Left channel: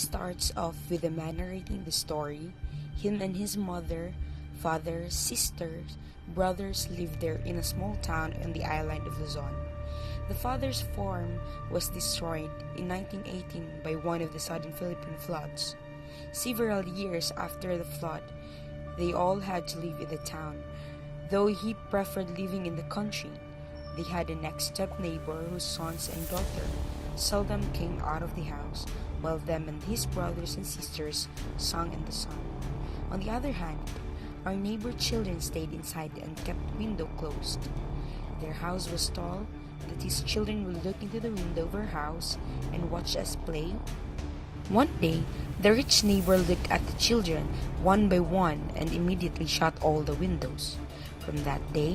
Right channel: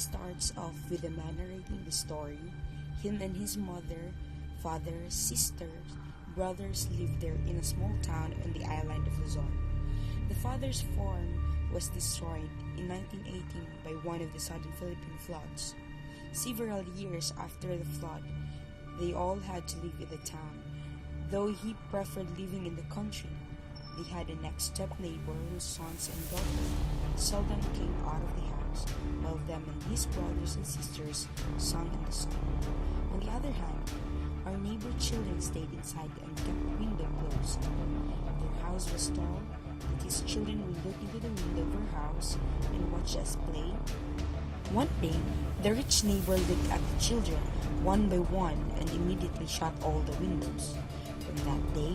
starts off with the man narrating the story. Him and his mother, father, sisters, brothers lived there in a small town on the island of Luzon. The father's farm was destroyed in 1918 by one of the sudden Philippine floods. Several years after the flood, they all had to live in the town, though he preferred living in the country. They had a next-step neighbor whose sons and daughter seldom came out of the house, while them and his brothers and sisters sung in the sun. On the other hand, our neighbor children stayed inside and kept window closed. Their house was tall, that his children would look into the window of our house and watch us play. One day, the rich neighbor looked at the children one by one and immediately shut all the windows. From that day,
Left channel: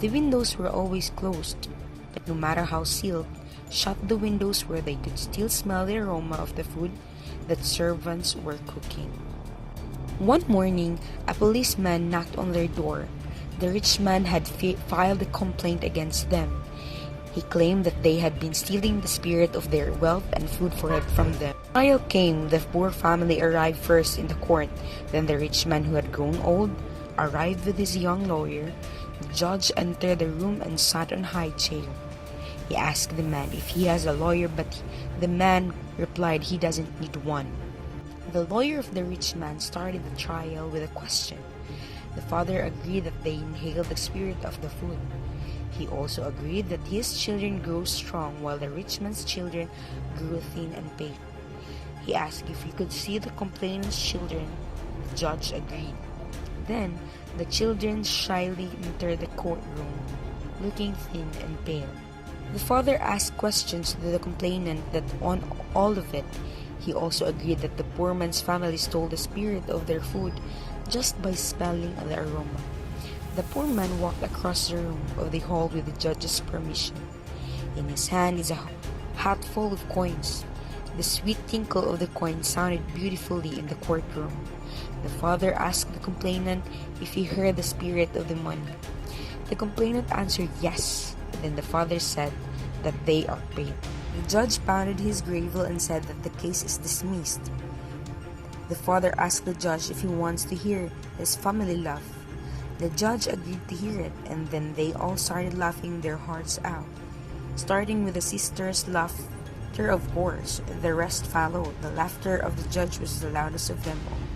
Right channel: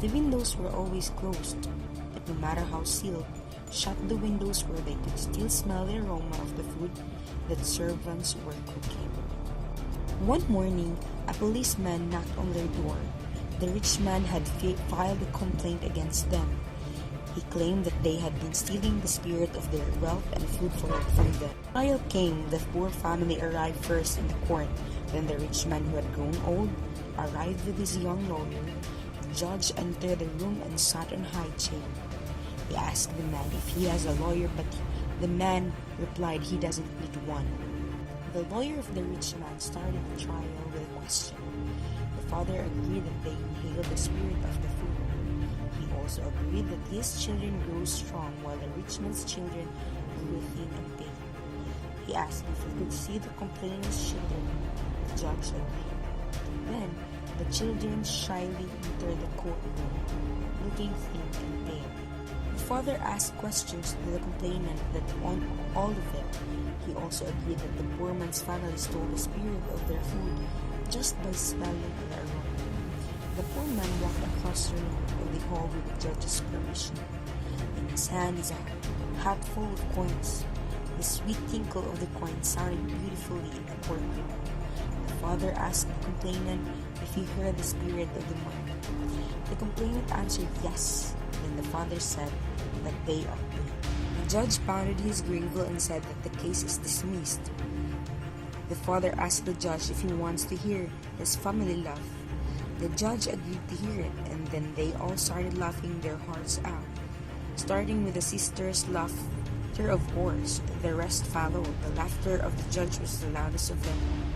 the windows were always closed, but no matter how sealed, shut the windows where they could still smell the aroma of the food that servants were cooking. One morning, a policeman knocked on their door. The rich man had filed a complaint against them. He claimed that they had been stealing the spirit of their wealth and food for it from them. Trial came. The poor family arrived first in the court. Then the rich man, who had grown old, arrived with his young lawyer. The judge entered the room and sat on a high chair. He asked the man if he has a lawyer, but the man replied he doesn't need one. The lawyer of the rich man started the trial with a question. The father agreed that they inhaled the spirit of the food. He also agreed that his children grew strong while the rich man's children grew thin and pale. He asked if he could see the complainant's children. The judge agreed. Then the children shyly entered the courtroom, looking thin and pale. The father asked questions to the complainant that on all of it. He also agreed that the poor man's family stole the spirit of their food just by smelling the aroma. The poor man walked across the room of the hall with the judge's permission. In his hand is a hat full of coins. The sweet tinkle of the coins sounded beautifully in the courtroom. The father asked the complainant if he heard the spirit of the money. The complainant answered yes. Then the father said that they are paid. The judge pounded his gavel and said that the case is dismissed. The father asked the judge if he wants to hear his family laugh. The judge agreed to hear it, and then they all started laughing their hearts out. Starting with the sisters' laughter, of course, the rest followed. The laughter of the judge was the loudest of them all.